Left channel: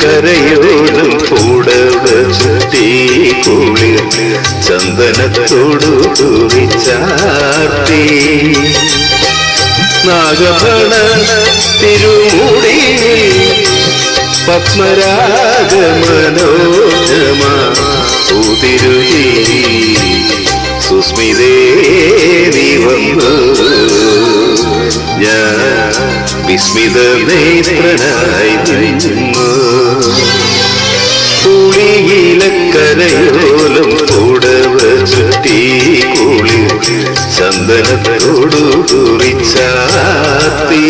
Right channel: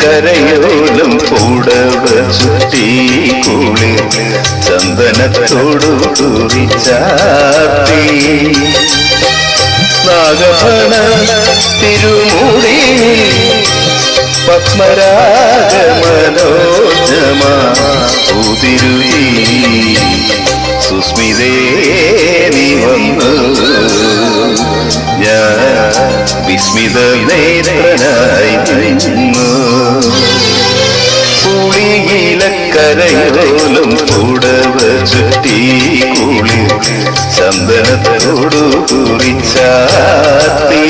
കരയോലം പൂടവ ചുറ്റി കുളിർ ചന്ദനത്തോടു കുറിച്ചാർത്തി നാഗഭണ തിരുമുടി പത്മരാഗ മനോജമാ ഉതിരുകി സുസ്മിതേ നീ വന്നു ഞാൻ വിസ്മിത നേത്രനായി നിന്നു പുളിയിലക്കരയോലം പൂടവ ചുറ്റി കുളിർ ചന്ദനത്തോടു കുറിച്ചാർത്തി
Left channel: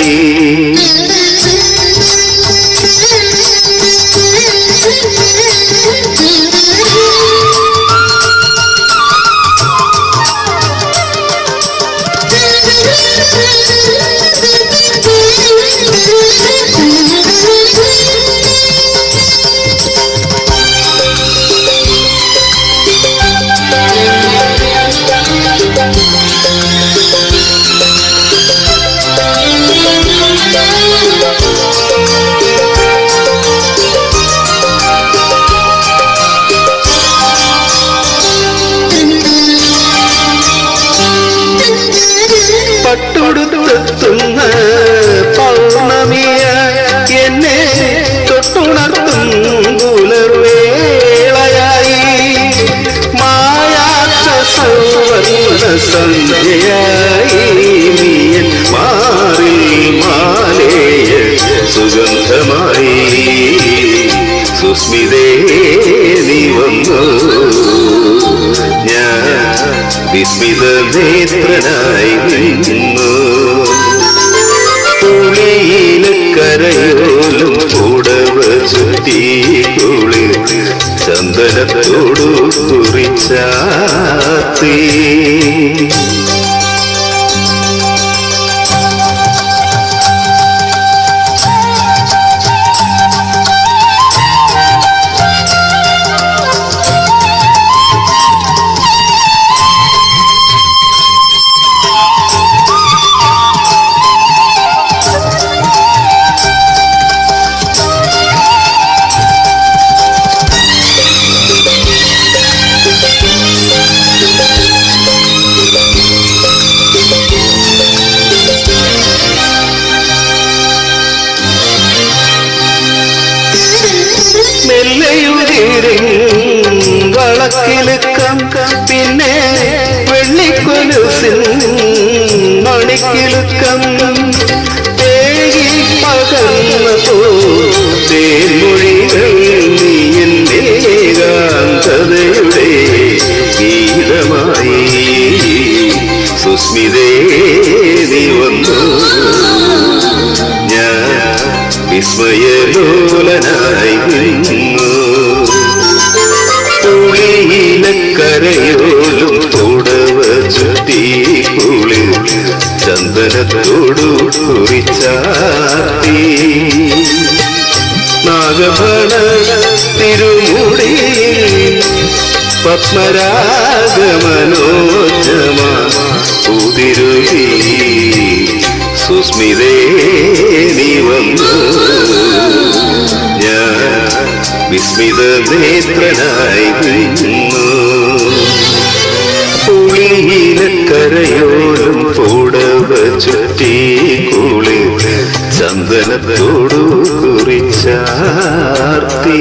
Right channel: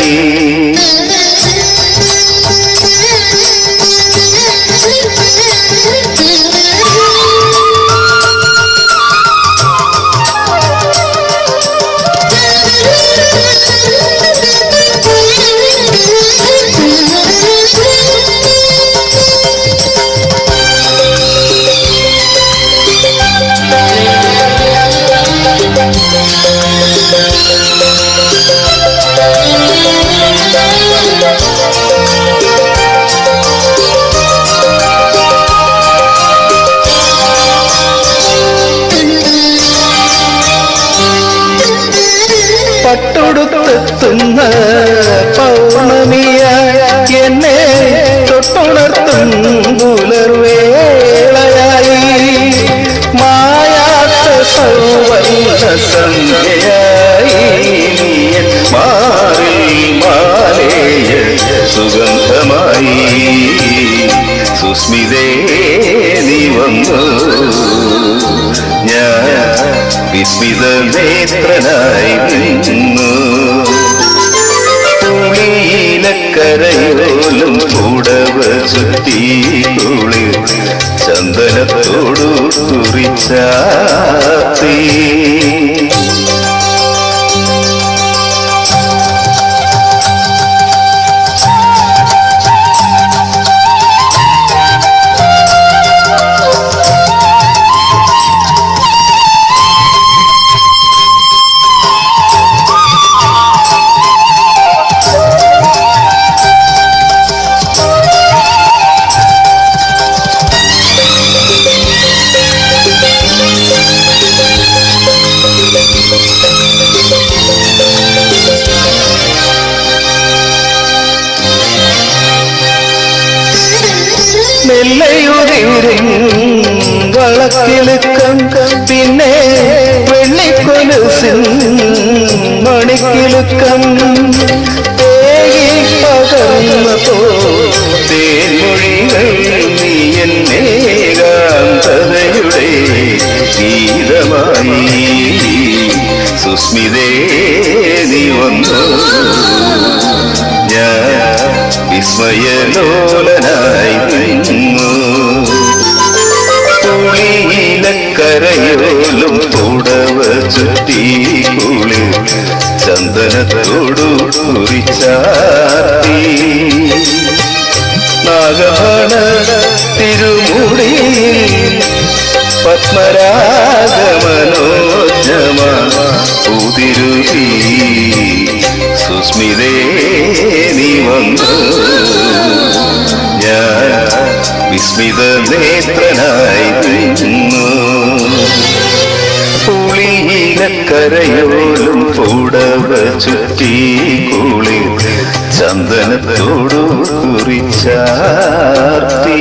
പട്ടുടുത്തെത്തുന്ന പൗർണമിയായി എന്നെ തൊട്ടുണർത്തും പുലർവേളയായി മായാത്ത സൗവർണ്ണ സന്ധ്യയായി നീയൻ മാറിൽ മാലേയ സുഗന്ധമായി സുസ്മിതേ നീ വന്നു ഞാൻ വിസ്മിത നേത്രനായി നിന്നു പുളിയിലക്കരയോലം പൂടവ ചുറ്റി കുളിർ ചന്ദനത്തോടു കുറിച്ചാർത്തി മെല്ലയുതിരും വളക്കിലുക്കം പിന്നെ വെള്ളിക്കൊലുസിൻ മണിക്കിലുക്കം തേകി പകർന്ന പോ തേൻമൊഴികൾ നീ എന്നേകാന്തതയുടെ ഗീതമായി സുസ്മിതേ നീ വന്നു ഞാൻ വിസ്മയലോലനായി നിന്നു പുളിയിലക്കരയോലും പൂടവ ചുറ്റി കുളിർ ചന്ദനത്തോടു കുറിച്ചാർത്തി നാഗഭണ തിരുമുടി പത്മരാഗ മനോജമാ ഉതിരുകി സുസ്മിതേ നീ വന്നു ഞാൻ വിസ്മിത നേത്രനായി നിന്നു പുളിയിലക്കരയോലും പൂടവ ചുറ്റി കുളിർ ചന്ദനത്തോടു കുറിച്ചാർത്തി